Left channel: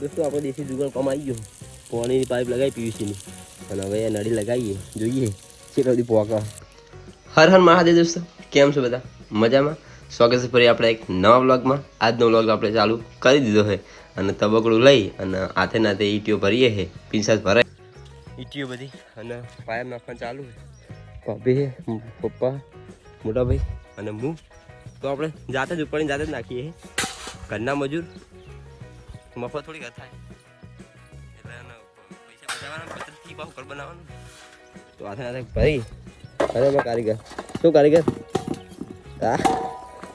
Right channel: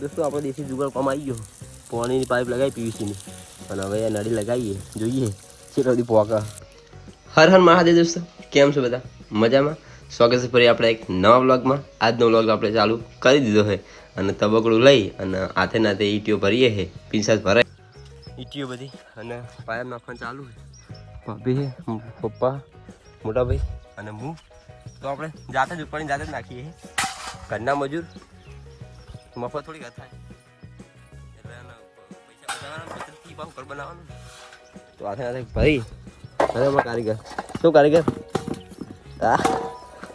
દોસ્તો, આપણે દેશી જુગાડ કામ આવી ગયો. પાણીની પાઇપ લગાવી, પીવીસીની. અને હવે નળી લગાવીએ. જોઈએ. કેટલો બધી પોકા હર હર મહાદેવ દોસ્તો. કેમ છો બધા? મજામાં? સ્વાગત છે ફરી આપણે એક નવા વ્લોગમાં. આજનો વ્લોગ આપણે ચાલુ કરી દીધો છે અને તબકડું લઈ અને હાથે નાથે ઈટીઓ ભરીએ છે. પિંસાસ ભરાય. ઈટીઓ બધી અને પાયર નાખવાનું ચાલુ છે. ભાભી પપ્પા મોટા ભાઈ અને હું. તો આપણે જાતે જ ઉપાડીને જાતે જ નાખીએ ઘરના મજૂર મફત થોડી થાય. એટલે પૈસા બચાવવાના પચીસથી બહુ ઘર બનાવવાનું તો આથે આથે ભાઈ. અરે એમાં કારીગર. શું કારીગર? હા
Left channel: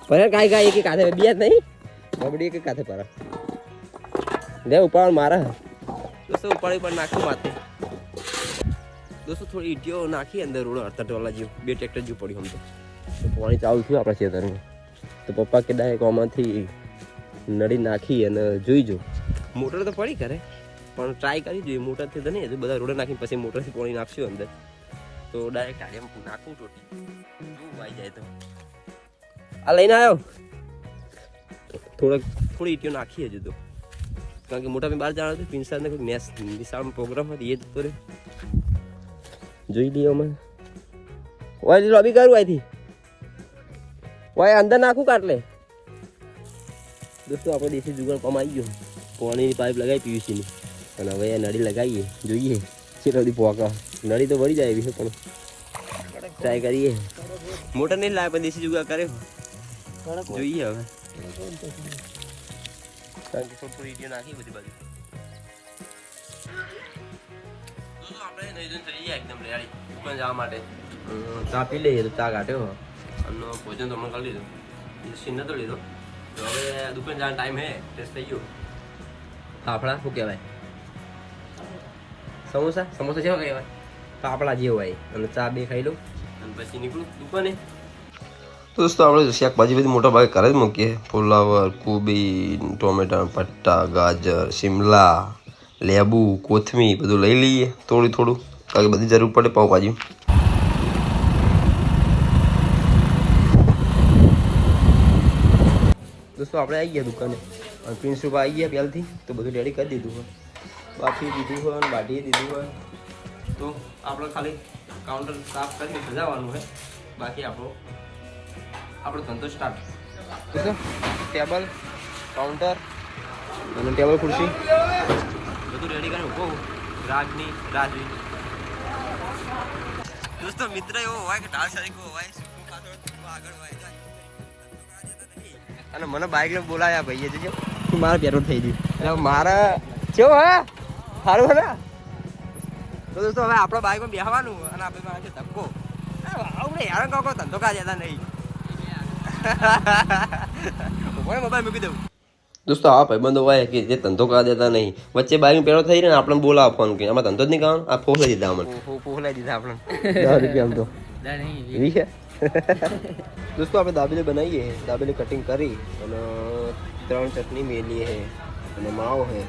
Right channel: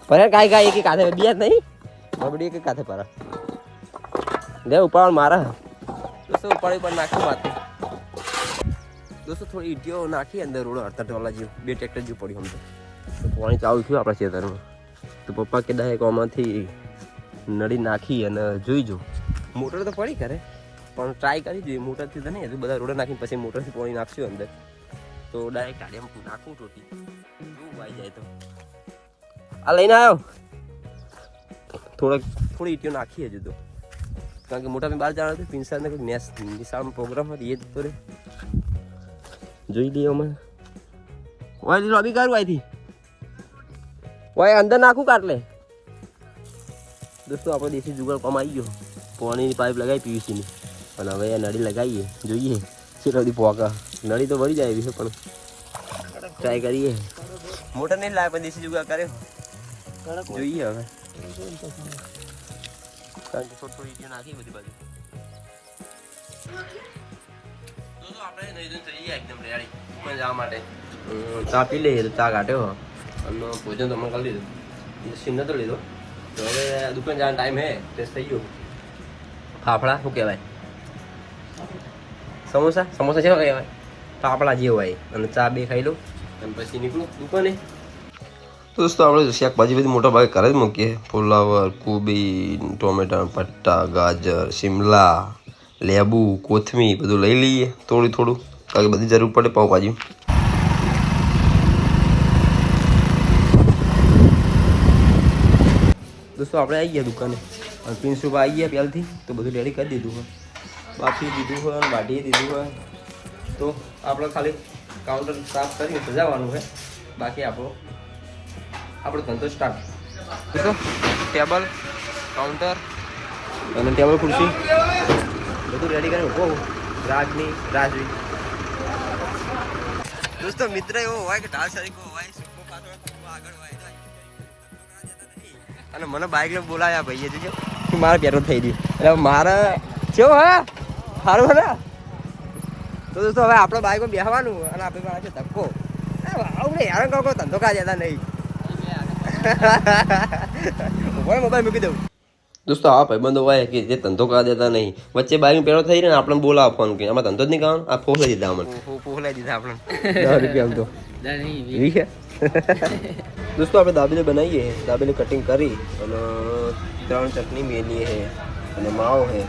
પર કાંઈ કાંઈ એક કાથે બે જ નહીં. બબડી એક કાથે પર લે ઉપાડ મારા. દોસ્તો ઉપાડી પર નાખ્યું માથે. દોસ્તો થોડી ઈટીઓ નાખી અંદર રોડ અડતા ટોલા જેવું. બે ટ્રેક્ટર જેવું પડ્યું આમ તો. પાણી ચાલુ થયું આપણા ખેતરમાં. તો પપ્પા કે ડાયરેક્ટ આમાંથી નળી નાખી અને જોઈ જો મોટર તો પડી કરે પણ ટ્રાય કરી જોઈએ. મોટરથી તો નહીં બધા રોડે નાખીને પછી મોટરથી પાણી નાખશું અંદર. તો ડાયરેક્ટ એમ નાખો ટોટી. જોવું આવી જાય તો. આ લઈને આવ્યો થોડાક થોડી ઈટીઓ નાખી હજુ તો. કારણ કે મોટા બહાર જવાનું હતું, પિન્સાને કોઈ મેસ નિશાળમાં પ્રોગ્રામ હતો, એ જતો રે. જોઈ લઈએ અમે ઓય લોબી કરું અહીંથી? ઓય, અંદર નાખું કાટલે. દોસ્તો આપણો દેશી જુગાડ કમાઈ ગયો. પાણીની પાઇપ લગાવી પીવીસીની પણ હવે આ નળી લગાવીએ. જોઈએ. કેટલા બધી પોકા. નળી તો ભરી જાય એવી છે પણ ટ્રાય કરીએ. મોટર નહીં લાવે પણ દેશી જુગાડ કર્યો જોઈએ હવે. કારણ કે થોડી થોડી ઈટીઓ નાખી બધી અમ, ચા પી લઈએ ચા કાઢ્યો અને ભોજન તમને કરી લીધું. સીન નતો લીધો. હવે દુકાન જવાનો ટાઈમ હે ટેસ્ટ થઈ ગયો. ફાફડા, શું કહેવાય? સમોસા? સમોસા કેવા કહેવાય. ફાફડા જે હોય અને ચા બે ખાઈ લઉં અને પછી નીકળું દુકાને. દોસ્તો, આપણે શાકભાજી બધી મોટા ભાગે ઘરે જ મૂકીએ. ફુલાવર, કોબી ટોમેટા પટ્ટા ગાજર, શિમલા, લેબુ કોથમી બધું લઈ લઈએ. થોડું થોડું. કારણ કે બધી જરૂર પડે પાઉંભાજી દોસ્તો આપણે આવી ગયા દુકાને પ્રિન્સુપ આવી ગયા પહેલથી તો બધું રેડી કરી દીધું હોય. બાકી દીધું હોય વાટીએ દીધું હોય. તો આપણે ખાલી કાઉન્ટર સાફ કરીને સજાવવાનું હોય બાકી આપણો આપણો ધંધો સ્ટાર્ટ ટેબલ કાઉન્ટર અને ટેબલ ખુરશી. બધું રેડી કરીને ઊભો રાજની રાજવી દોસ્તો મિત્ર એવો હોય કે ઢાળ સરીકો હોય આગળ હોય અને મને બાઇક ને બોલાયા ભાઈએ જોજો કે મારે પેટ્રોલ થઈ ગઈ એટલે મારે કેવો હે સારું હે ને તો દોસ્તો હવે આપણે બાઇકમાં બેસવાનું અને આપણે પાસે ધક્કો આવું નહીં કહો ધંધો કા જતા નહીં મોબાઈલ મૂકી દઉં દોસ્તો આ ભાઈબંધો હોય કે જે ધંધો કરવા દેતા નહીં વચ્ચે બાઈક પેલો થઈ ને આપણને બોલાવો ફોન કે આમાં ધંધો જ નહીં કરવાનો આ ફોસલાઈ દીધા અમને ફોસલાઈ દીધા આપણે દસ રૂપિયા આમ તો વીસ? દોસ્તો આપણે દાબેલી બનાવીએ દાબેલી કટિંગ કરી અને ત્રણ ચટણી મેલીએ છે અને માવો છે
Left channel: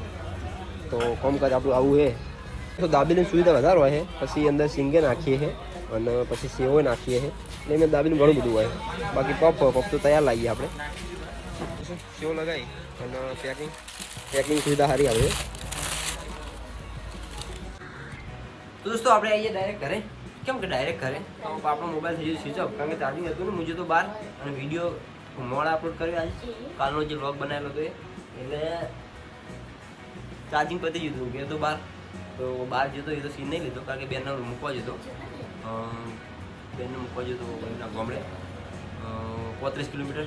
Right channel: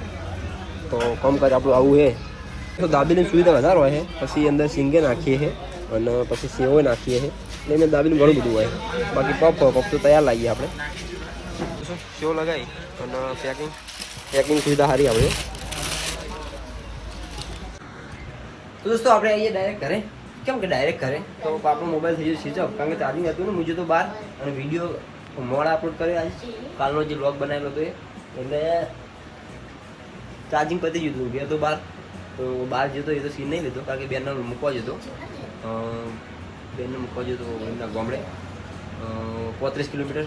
તો કામકાજ આપણું આવું છે તો દાબેલીની સુવિધા વધારે હોય છે પછી અંદર સિંગે નાખીએ છે અને પછી સેવો નાખીએ છે એટલે એને દાબેલી ઘણું બધું હોય બાકી પપ પપ તો તૈયાર લાગીએ આપણે શું સેવો લગાવી અને પેકિંગ પેકિંગ સુવિધા સારી આવે દોસ્તો આપણે આવીએ ડાયરેક્ટ ઘરે કેમ કે ડાયરેક્ટ ઘરે? તો આપણો મોબાઈલ થઈ ગયો સ્વિચ ઓફ કારણ કે ચાર્જિંગ હતું ને, મુજે તો બહાર. અને વીડિયો મોડા અપલોડ કર્યો આજે. કાલનો જે બ્લોગ બનાવેલો હતો એ. એટલે ચાર્જિંગ પતી ગયું હતું. ગયા તો બહાર. તો બહાર જતો એ તો સીન નહીં લીધો, કારણ કે બેનને મૂકવા જતો. બેનને મૂકવા જતો એમના ગામડે. પોત્રીસ કિલોમીટર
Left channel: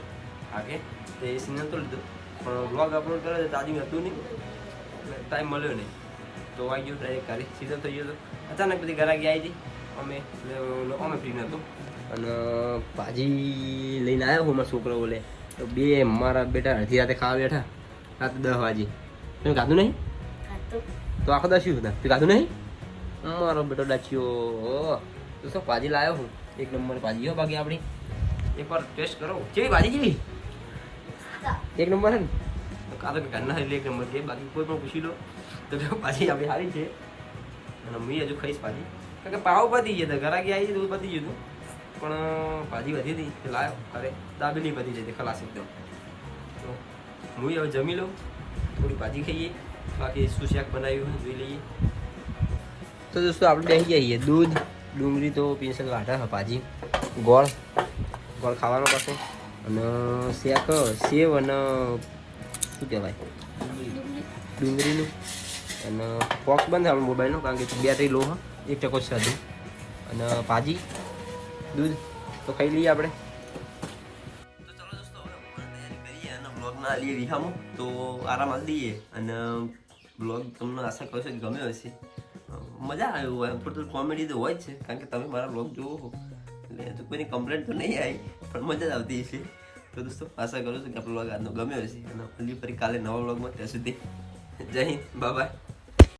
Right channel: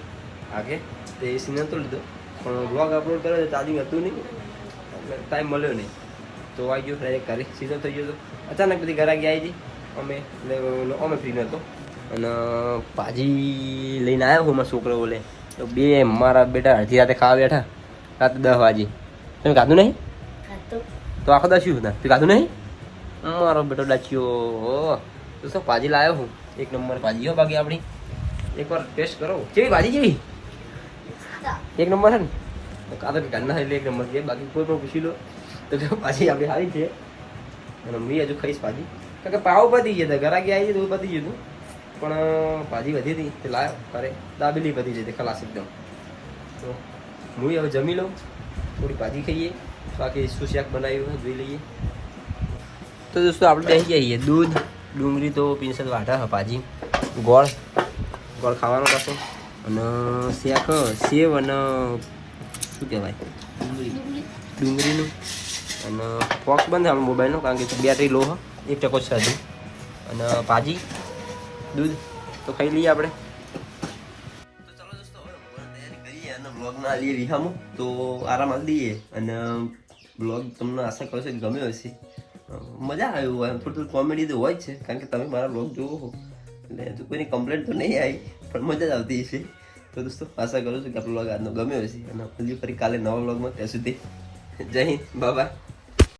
આગે. તો એ સીન નહોતો લીધો. પણ બ્લોગ અપલોડ કર્યો તો ચાર્જિંગ હતું નહીં. ટાઈમ મળ્યો નહીં. તો આવી ગયો ડાયરેક્ટ ઘરે. સીધો થઈ ગયો તો. અચાનક બધી ઘરે આવી હતી અમે એટલે ઓલો અમે ફ્રી નહોતો અને ભાજી લઈને આવ્યો હું મારા છોકરો બોલે તો બે મારા બેટા અડધી રાતે ખાવા બેઠા. રાતે દસ વાગે. તમે ખાધું નહીં? તો આખો દસ્યું હતા તું ખાધું નહીં? મારો બેટો ડાચ્યો. તો શું ભાજી લાવ્યો હું? એક નંબર ભાજી હો બાકી આપણી. એકવાર ટેસ્ટ કરો. કેવી ભાજી કેવી? એક નંબર છે ને? તો કાં તો ઘરના એટલે એક નંબર કે બાકી કોઈ પણ પૂછી લો. તો ભાજી આપણી સારી છે. અને મેં હજુ ખાઈશ ભાજી. કે પાવ પતી હતા ઘરાકી આવી તો પતી ગયું પણ ભાજી વધી હતી તે લાવ્યો કરે દાબેલી પતી જતી, ખલાસ એકદમ. તો હું હવે જમી લઉં, થોડી ભાજી ખાઈએ, બાકી શું શાક બનાવ્યું હોય જોઈ લઈએ. તો દોસ્તો, આપણે બેસી જઈએ દૂધ, ડુંગળી તો પિન્સલ વાટા હા ભાજી. ગોળ ગોળ ખાવાનો થશે. અને શાક સેવ અને, શું કહેવાય? ડુંગળીનું. અને બોક્સ બંધ મોબાઈલનો, કારણ કે બેટરી લો એક ટકો હજુ અને ભાજી, દૂધ, તો ખાઈ લઈએ આપણે. બ્લોગમાં આવીએ વિહામો તો આરામ આવી દઈએ. અને બ્લોગ તમને આશા કરું છું કે ગમ્યો હશે. મજા આવ્યું હોય. થોડું થોડું કોમેડી તો હોય છે. કારણ કે તમે મારા બ્લોગ જોવો હો. એટલે હજુ કોઈની કમ્પ્લેન તો નહીં આવી, પણ મજા જ આવતી હશે. તો દોસ્તો, આશા કરું છું કે આપણો બ્લોગ આજનો ગમ્યો હશે. અને હજી ફરી કાલે નવા બ્લોગમાં ત્યાં સુધી. જય હિન્દ. બાય